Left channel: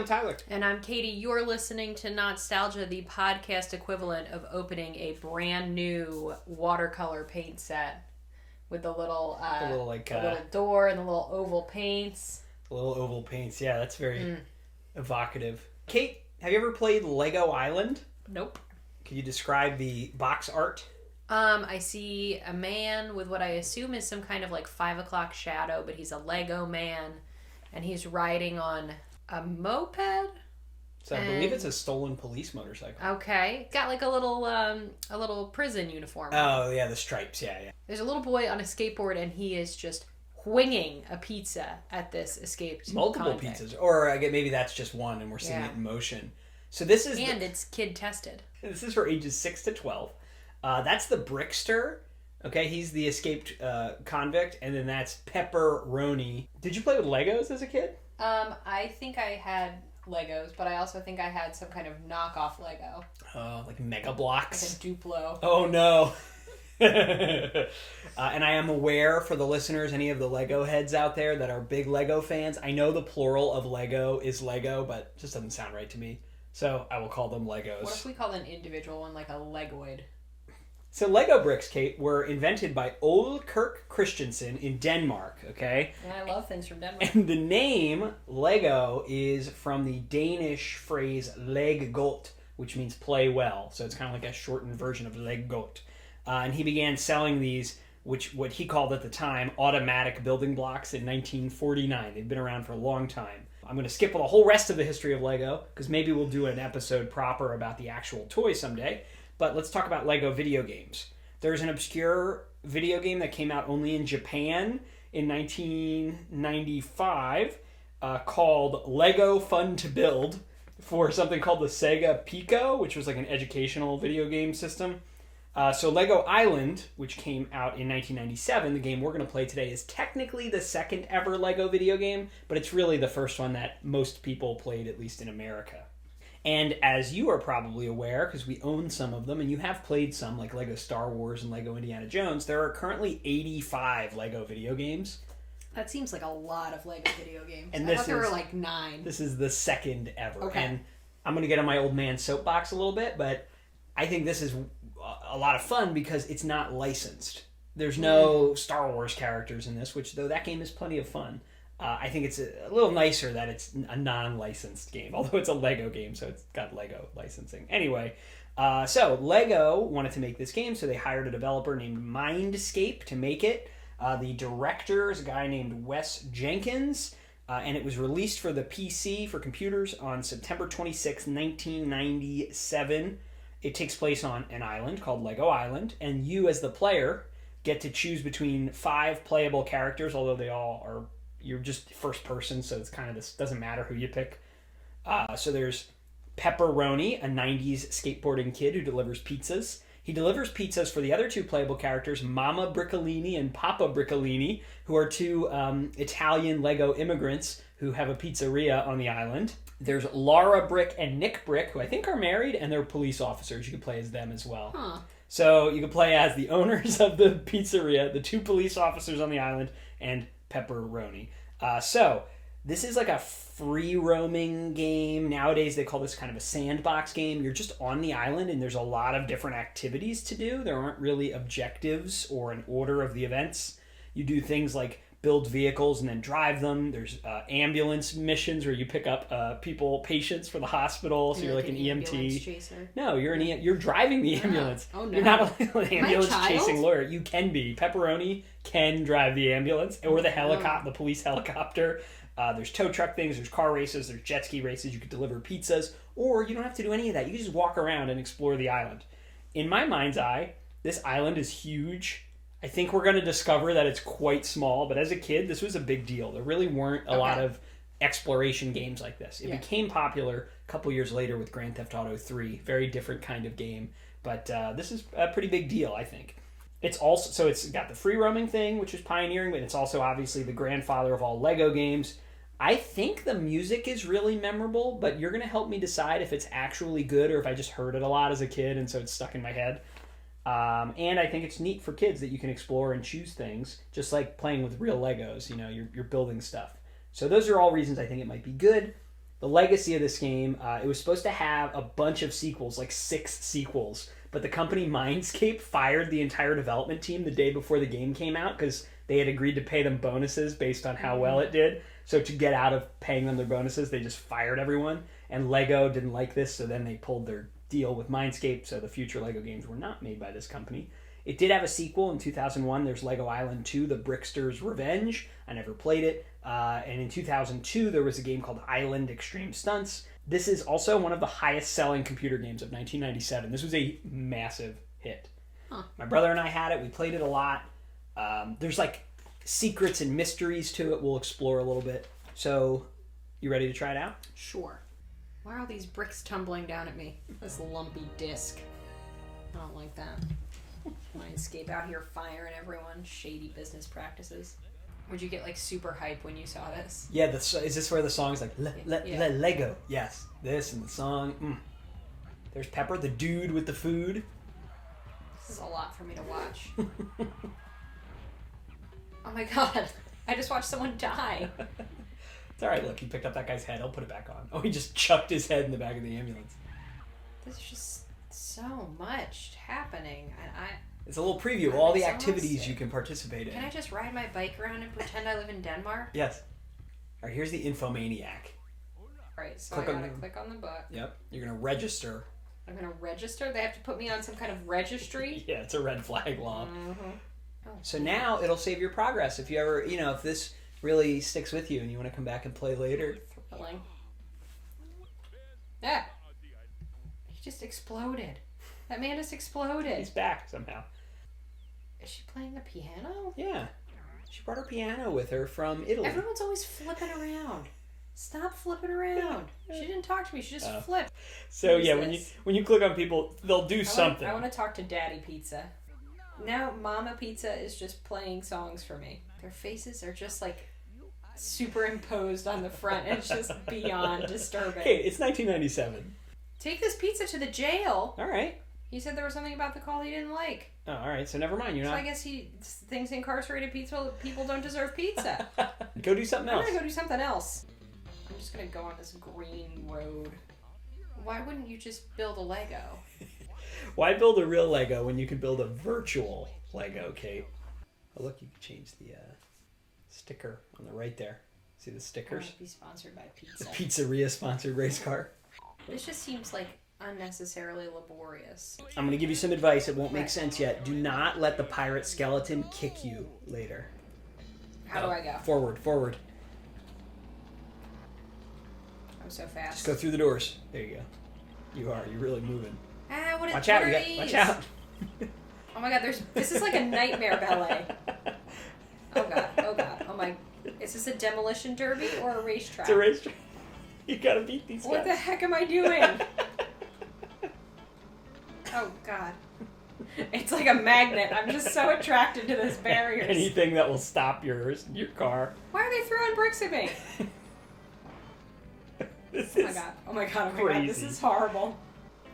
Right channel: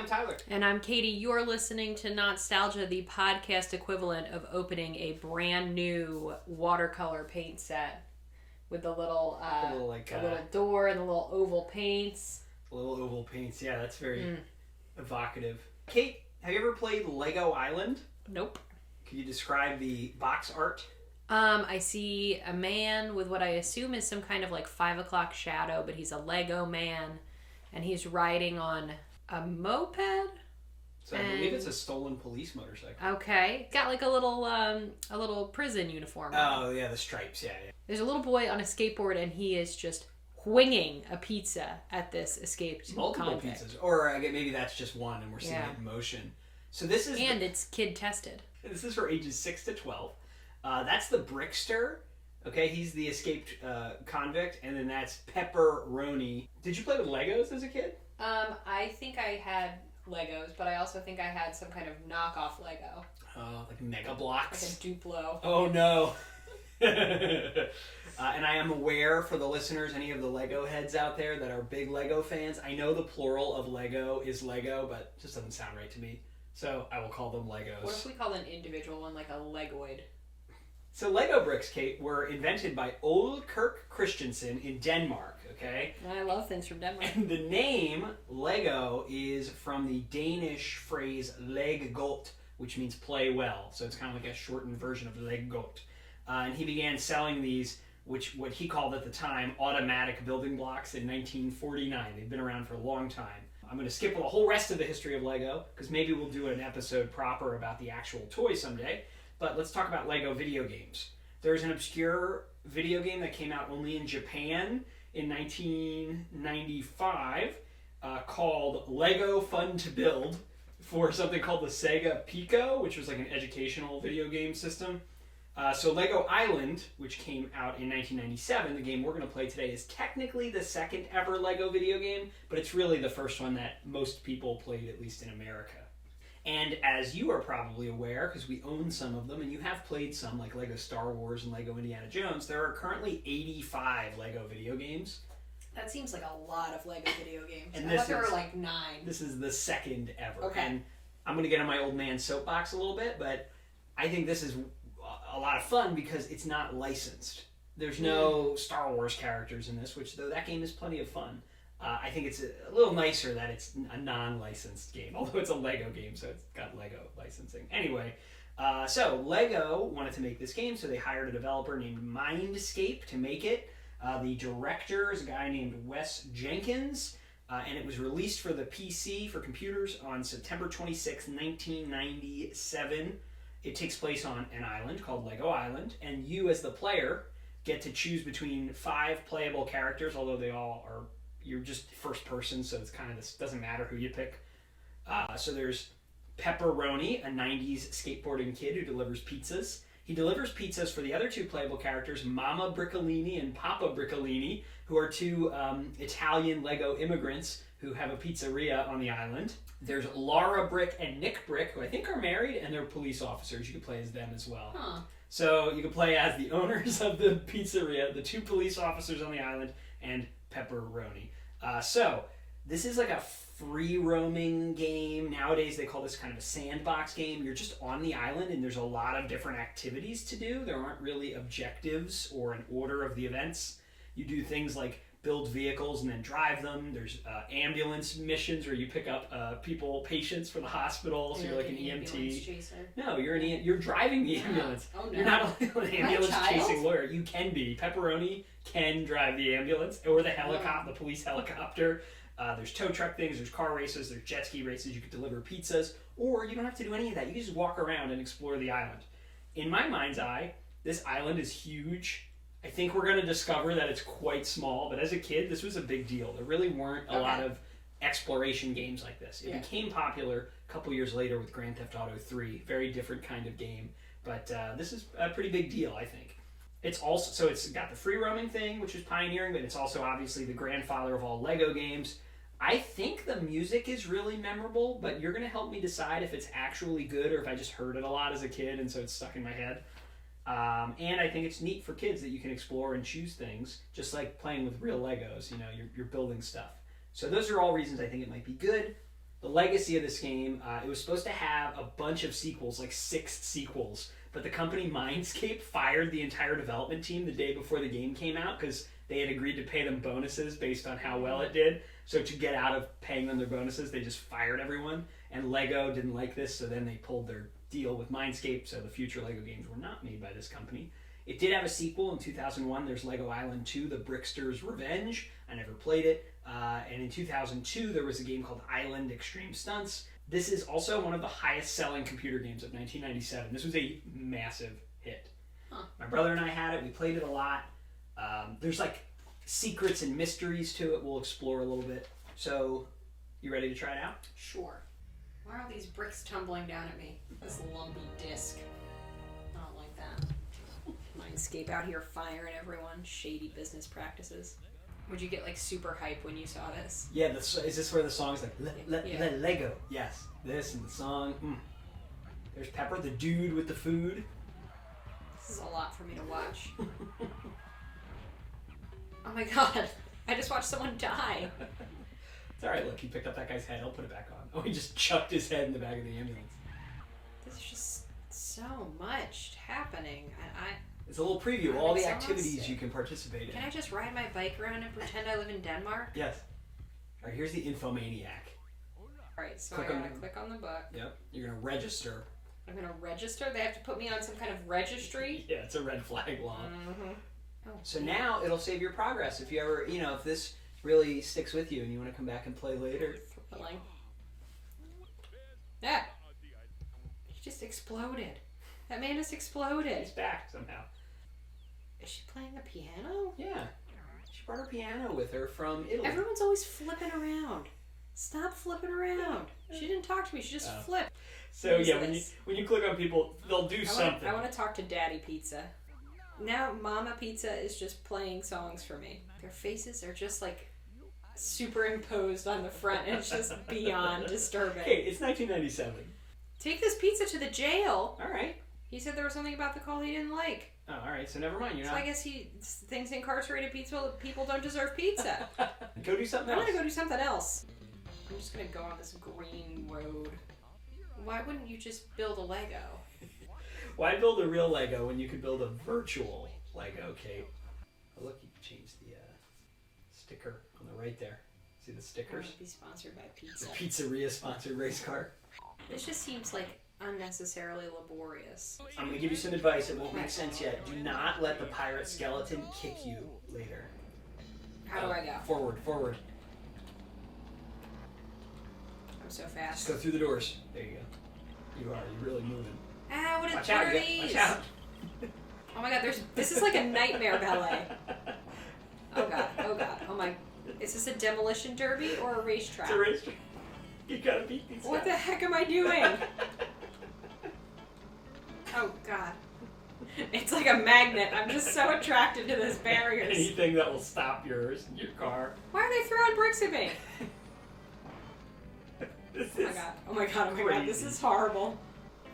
I'm Tyler. And I'm Katie. You're listening to Not-Stalgia, the podcast equivalent of opening a brand new watercolor paint set with the little, little door and the little oval paints. Little oval paints, yeah, that's very evocative. Kate, have you ever played Lego Island? Nope. Can you describe the box art? I see a man with what I assume is some kind of like 5 o'clock shadow, but he's a Lego man, and he's riding on a moped. So I believe it's a stolen police motorcycle. Okay, got like a little prison uniform. Oh yeah, the stripes. Yeah. There's a little boy on a skateboard, and he is just winging a pizza at this escaped multiple convict. pizzas, or I guess maybe that's just one, and we're seeing it in motion. So this is it's kid tested. This is for ages 6 to 12. That's the Brickster. Okay, he's the escaped convict, and then that's Pepperoni. Did you play with Legos as a kid? I think I had Legos, but I also think I had some kind of knockoff Lego. Oh, like Mega Blocks? Like a Duplo. Oh, no. And I am aware, for the listeners, any of the Lego heads out there that are big Lego fans, I know the plural of Lego is Lego, but it just doesn't sound right to me. So I will call them Legos. What if we call an individual one like a Legoid? So Lego bricks, Kate, were invented by Ole Kirk Christensen in Denmark, okay? And I love things from Denmark. And the name Lego is from the Danish phrase leg godt, which means play well. So it's kind of like a shortened version of leg godt. And he began selling these, what he called at the time automatic building blocks, in 1949. They've been around for a long time. I'm going to skip the whole rest of the history of Lego, because maybe we'll do an episode proper about the actual toy someday. But let's talk about Lego video games. There's an obscure video game that came out only in Japan in 1995 called Lego Fun to Build for something called the Sega Pico, which was like an educational video game system. So Lego Island, which came out in 1997, the game we're going to play today, is technically the second ever Lego video game, but it's really the first one that most people played, at least in America. And as you are probably aware, because we own some of them, and you have played some, like Lego Star Wars and Lego Indiana Jones, there are currently 85 Lego video games. That seems like a lot of Lego video games. And I thought there were like 9. This is the second ever. Okay. And I'm going to get on my old man soapbox a little bit, but I think this is a lot of fun because it's not licensed. There's no Star Wars characters in this, which, though that game is plenty of fun. I think it's a little nicer that it's a non-licensed game, although it's a Lego game, so it's got Lego licensing. Anyway, so Lego wanted to make this game, so they hired a developer named Mindscape to make it. The director is a guy named Wes Jenkins, and it was released for the PC, for computers, on September 26, 1997. It takes place on an island called Lego Island, and you, as the player, get to choose between 5 playable characters, although they all are... You're just first person, so it's kind of this doesn't matter who you pick. So there's Pepperoni, a 90s skateboarding kid who delivers pizzas. He delivers pizzas for the other 2 playable characters, Mama Brickolini and Papa Brickolini, who are 2 Italian Lego immigrants who have a pizzeria on the island. There's Laura Brick and Nick Brick, who I think are married, and they're police officers. You can play as them as well. Huh. So you can play as the owners of the pizzeria, the 2 police officers on the island, and Pepperoni. So this is like a free roaming game. Nowadays they call this kind of a sandbox game. You're just on the island and there's a lot of different activities to do. There aren't really objectives or an order of the events. You do things like build vehicles and then drive them. There's ambulance missions where you pick up patients for the hospital. So you're like an EMT. Chaser. No, you're driving the ambulance. Oh no. You're not an ambulance chasing lawyer. You can be. Pepperoni can drive the ambulance or the helicopter, the police helicopter. There's tow truck things, there's car races, there's jet ski races. You could deliver pizzas, or you don't have to do any of that. You can just walk around and explore the island. In my mind's eye, this island is huge. I think we're going to discover that it's quite small, but as a kid, this was a big deal. There really weren't a lot of exploration games like this. It became popular a couple years later with Grand Theft Auto 3. Very different kind of game, but this is a pretty big deal, I think. It's also, so it's got the free roaming thing, which is pioneering, but it's also obviously the grandfather of all Lego games. I think the music is really memorable, but you're going to help me decide if it's actually good or if I just heard it a lot as a kid and so it's stuck in my head. And I think it's neat for kids that you can explore and choose things, just like playing with real Legos. You know, you're building stuff. So those are all reasons I think it might be good. The legacy of this game, it was supposed to have a bunch of sequels, like 6 sequels, but the company Mindscape fired the entire development team the day before the game came out because they had agreed to pay them bonuses based on how well it did. So to get out of paying them their bonuses, they just fired everyone. And Lego didn't like this, so then they pulled their deal with Mindscape, so the future Lego games were not made by this company. It did have a sequel in 2001. There's Lego Island 2, The Brickster's Revenge. I never played it. And in 2002, there was a game called Island Extreme Stunts. This is also one of the highest selling computer games of 1997. This was a massive hit. Huh. My brother and I had it. We played it a lot. There's like secrets and mysteries to it we'll explore a little bit. So, you ready to try it out? Sure. Why are all these bricks tumbling down at me? This lumpy disc. I don't like that. Mindscape out here firing everyone. Shady business practices. Would you get like super hype when you saw this? Yeah, is this where the song's like Lego? Yes, this and the song. There's Pepper, the dude with the food. This is a lot for me to watch. Oh my god, I just watched someone die. It's alright, look, he picked up that guy's head. I'll put it back on. Oh, he just chucked his head in the back of the ambulance. There's just so much happening, and it's a little preview of all the activities you can participate in. Can I just ride my bike around and pretend I live in Denmark? Yes. Alright, here's the Infomaniac. Alright, so I gotta click on the book. Yep, you're gonna register. I'm gonna register? They have to put me on some kind of registry? Yeah, it's a red flag law. Mm-hmm. Oh, so now it'll save your progress if you ever, if this really sticks with you and you want to come back and play later. Thrilling. Yeah. He just exploded. That man just exploded. He's back somehow. Is she playing the piano? Yeah. She brought her piano with her from Italy. Everyone's always flipping around. Stop flipping around. She didn't talk to me. She just flipped. So yeah, when you click on people, they'll do something. I want to talk to Daddy Pizza. Now Mama Pizza is just playing songs for me. Their faces are just like superimposed on the front. And it's just beyond disturbing. Okay, it's 1997. Take this pizza to the jail. All right. He said there was something about the call he didn't like. Oh, all right. So never mind. You're not. I guess he thinks incarcerated people don't deserve pizza. Go do something else. I'm gonna go do something else. I'm just gonna go on this green road. Why wouldn't you just build a Lego? Why build a real Lego when you can build a virtual Lego, Kate? Oh, look, you can change the sticker on the right there. See the stickers? I want to be sponsored by pizza. The pizzeria sponsored race car. This just seems like unnecessarily laborious. I'm going to give you some advice. It won't make sense yet. Do not let the pirate skeleton kick you later. How do I go? Forward. I'm so fast. Just go through the doors. There you go. You're really moving. Ah, what Watch are out, these? watch out. Oh my god, this is like a nightmare ballet. Oh god. Oh my. Is this a demolition derby or a racetrack? It's a racetrack. You gotta beat these What guys. the heck am I doing? Oh god. It's like a magnet. I'm just so attracted to those barriers. Anything that will stop your car. Why are they throwing bricks at me? Oh my god. This is horrible.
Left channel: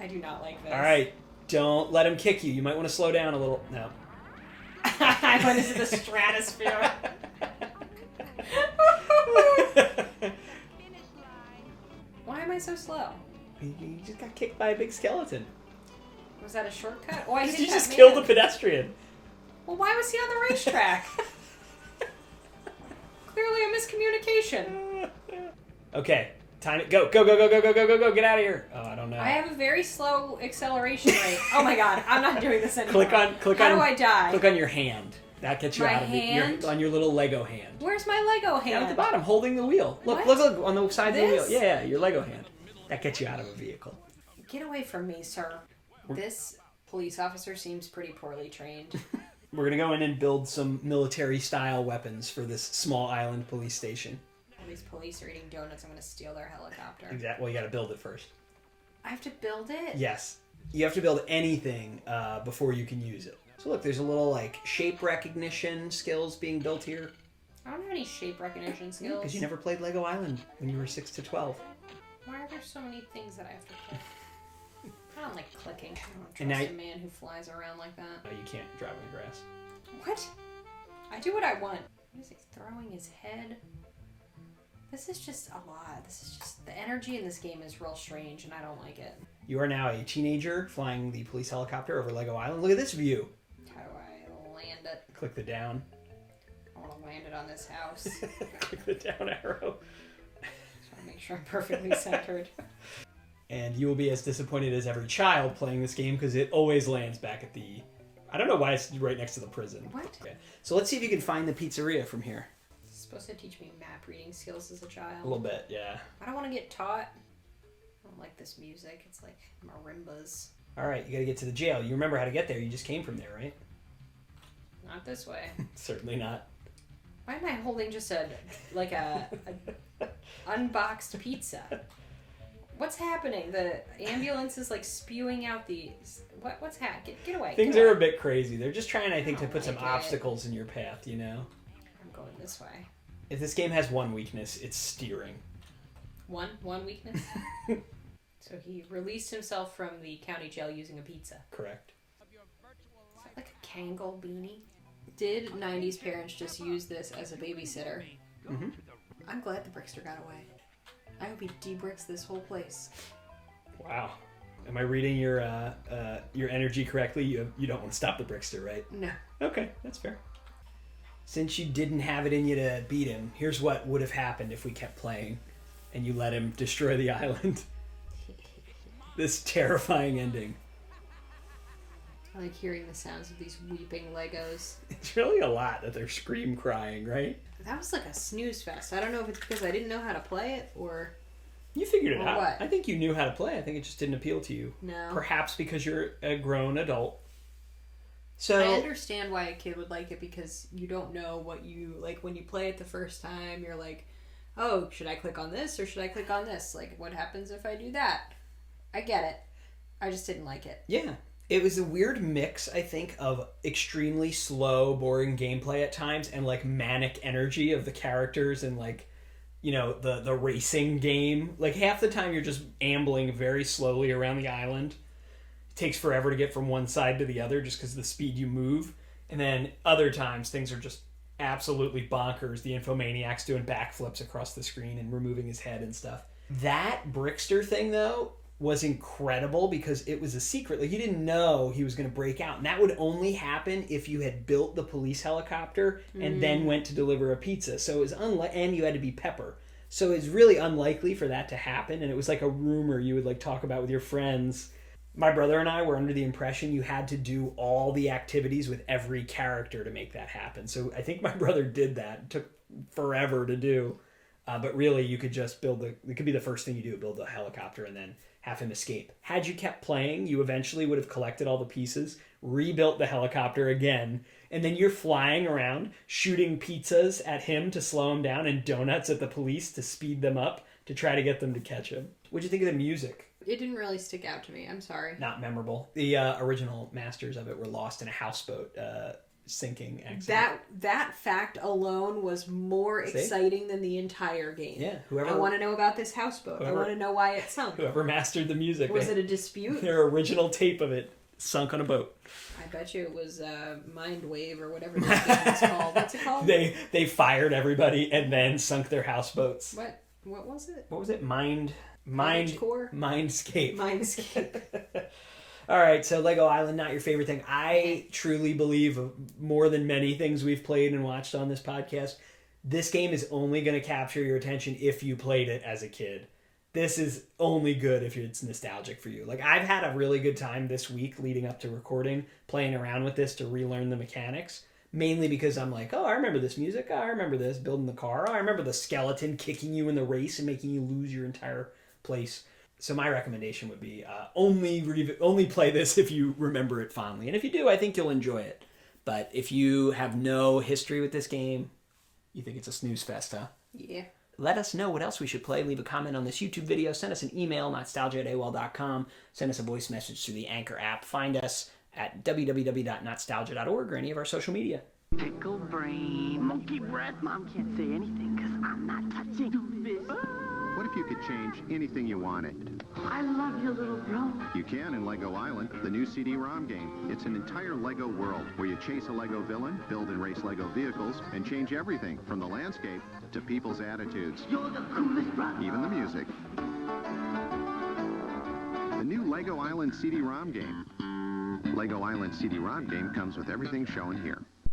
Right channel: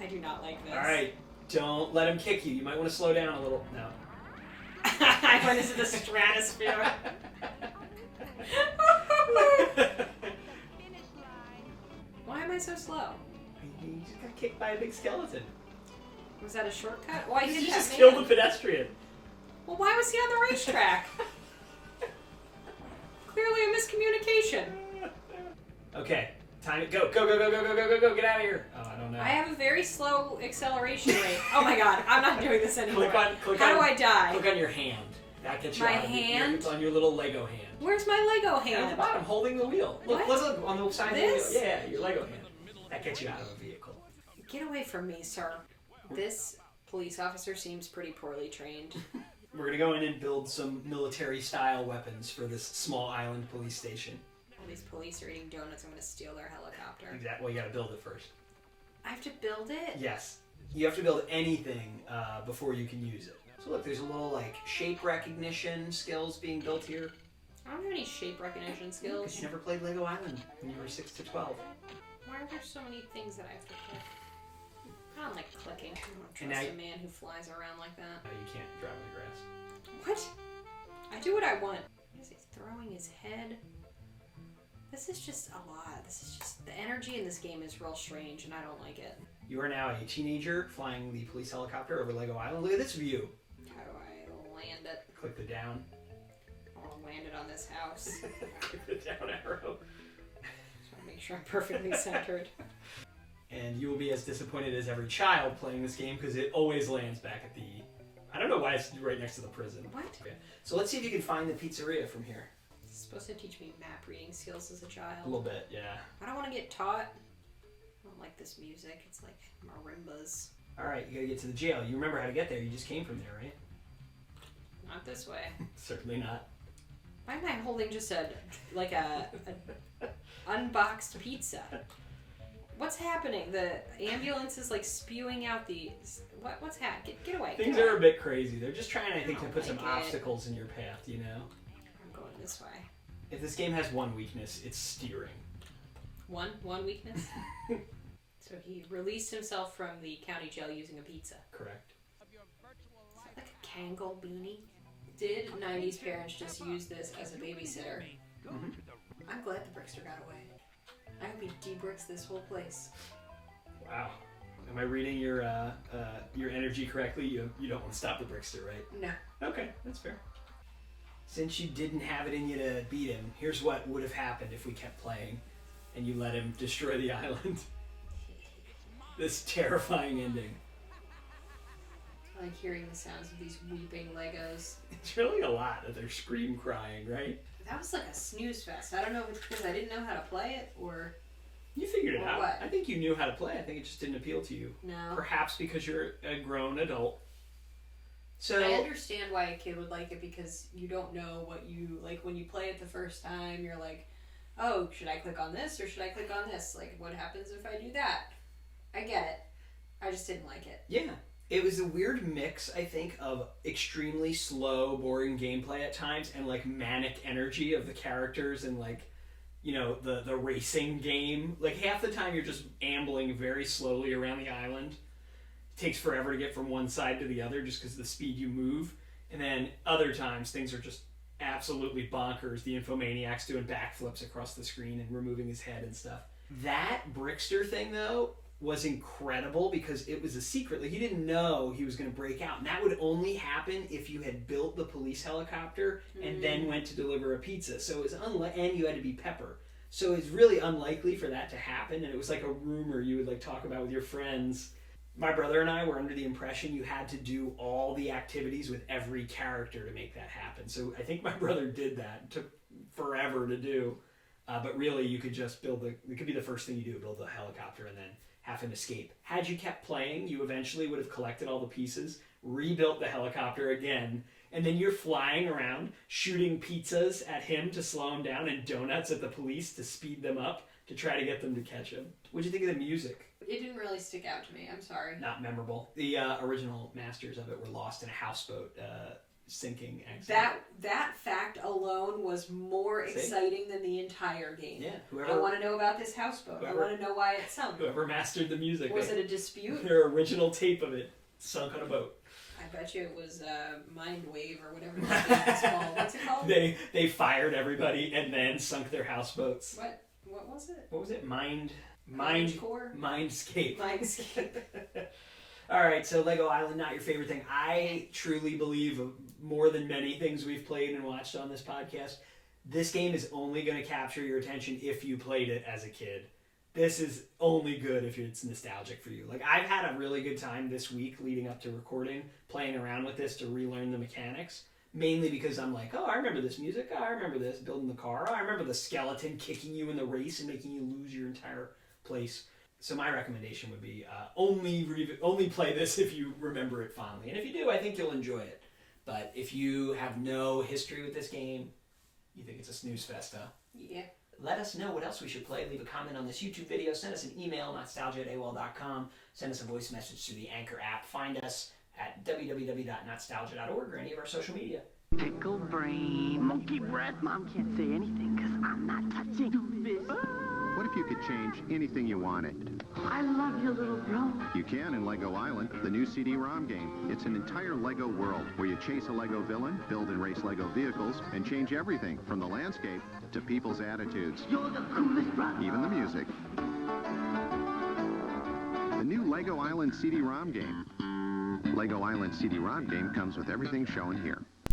I do not like this. Alright, don't let him kick you. You might want to slow down a little. No. I went into the stratosphere. Why am I so slow? You just got kicked by a big skeleton. Was that a shortcut? Why you just killed the pedestrian. Well, why was he on the racetrack? Clearly a miscommunication. Okay, time it. Go. Get out of here. Oh, I don't know. I have a very slow acceleration rate. Oh my god, I'm not doing this anymore. How do I die? Click on your hand. That gets you out of hand? on your little Lego hand. Where's my Lego hand? At the bottom, holding the wheel. Look on the side this? of the wheel. Yeah, your Lego hand. That gets you out of a vehicle. Get away from me, sir. This police officer seems pretty poorly trained. We're going to go in and build some military-style weapons for this small island police station. All these police are eating donuts. I'm going to steal their helicopter. Exactly. Well, you got to build it first. I have to build it? Yes. You have to build anything before you can use it. So look, there's a little shape recognition skills being built here. I don't have any shape recognition skills. Because you never played Lego Island when you were 6 to 12. Why are there so many things that I have to click? I don't like clicking. I don't trust a man who flies around like that. No, you can't drive in the grass. What? I do what I want. What is he throwing his head? This is just a lot. The energy in this game is real strange, and I don't like it. You are now a teenager flying the police helicopter over Lego Island. Look at this view. How do I land it? Click the down. I want to land it on this house. Click the down arrow. Just want to make sure I'm perfectly centered. And you will be as disappointed as every child playing this game because it always lands back at the... I don't know why it's right next to the prison. What? Okay. So let's see if you can find the pizzeria from here. It's supposed to teach me map reading skills as a child. A little bit, yeah. I don't want to get taught. I don't like this music. It's like marimbas. All right, you got to get to the jail. You remember how to get there. You just came from there, right? Not this way. Certainly not. Why am I holding just a unboxed pizza? What's happening? The ambulance is like spewing out these. What's happening? Get away. Things are a bit crazy. They're just trying, I think, to put some it. obstacles in your path, you know? I'm going this way. If this game has one weakness, it's steering. One weakness? So he released himself from the county jail using a pizza. Correct. Is that like a Kangol beanie? Did 90s parents just use this as a babysitter? Mm-hmm. I'm glad the Brickster got away. I hope he de-bricks this whole place. Wow. Am I reading your energy correctly? You don't want to stop the Brickster, right? No. Okay, that's fair. Since you didn't have it in you to beat him, here's what would have happened if we kept playing and you let him destroy the island. This terrifying ending. I like hearing the sounds of these weeping Legos. It's really a lot that they're scream crying, right? That was like a snooze fest. I don't know if it's because I didn't know how to play it or... You figured it out. What? I think you knew how to play. I think it just didn't appeal to you. No. Perhaps because you're a grown adult. So I understand why a kid would like it because you don't know what you... Like, when you play it the first time, you're like, oh, should I click on this or should I click on this? Like, what happens if I do that? I get it. I just didn't like it. Yeah. It was a weird mix, I think, of extremely slow, boring gameplay at times and, like, manic energy of the characters and, like, you know, the racing game. Like, half the time you're just ambling very slowly around the island. It takes forever to get from one side to the other just because of the speed you move. And then other times things are just absolutely bonkers. The infomaniac's doing backflips across the screen and removing his head and stuff. That Brickster thing, though, was incredible because it was a secret. Like, you didn't know he was going to break out. And that would only happen if you had built the police helicopter and then went to deliver a pizza. So it was and you had to be Pepper. So it's really unlikely for that to happen. And it was like a rumor you would like talk about with your friends. My brother and I were under the impression you had to do all the activities with every character to make that happen. So I think my brother did that. It took forever to do. But really, you could just it could be the first thing you do, build the helicopter and then have him escape. Had you kept playing, you eventually would have collected all the pieces, rebuilt the helicopter again, and then you're flying around, shooting pizzas at him to slow him down and donuts at the police to speed them up to try to get them to catch him. What'd you think of the music? It didn't really stick out to me. I'm sorry. Not memorable. The original masters of it were lost in a houseboat sinking accident. That fact alone was more exciting than the entire game. Yeah, I want to know about this houseboat. I want to know why it sunk. Whoever mastered the music. Was it a dispute? Their original tape of it sunk on a boat. I bet you it was Mind Wave or whatever this game is called. What's it called? They fired everybody and then sunk their houseboats. What was it? What was it? Mindscape. Mindscape. All right, so Lego Island, not your favorite thing. I truly believe, more than many things we've played and watched on this podcast, this game is only going to capture your attention if you played it as a kid. This is only good if it's nostalgic for you. Like, I've had a really good time this week leading up to recording, playing around with this to relearn the mechanics. Mainly because I'm like, oh, I remember this music. Oh, I remember this, building the car. Oh, I remember the skeleton kicking you in the race and making you lose your entire place. So my recommendation would be only play this if you remember it fondly. And if you do, I think you'll enjoy it. But if you have no history with this game, you think it's a snooze fest, huh? Yeah. Let us know what else we should play. Leave a comment on this YouTube video. Send us an email, notstalgia@aol.com. Send us a voice message through the Anchor app. Find us at www.notstalgia.org or any of our social media. Pickle brain. Monkey breath. Mom can't say anything because I'm not touching fish. What if you could change anything you wanted? I love you, little bro. You can in Lego Island, the new CD-ROM game. It's an entire Lego world where you chase a Lego villain, build and race Lego vehicles, and change everything from the landscape to people's attitudes. You're the coolest brother. Even the music. The new Lego Island CD-ROM game. Lego Island CD-ROM game comes with everything shown here.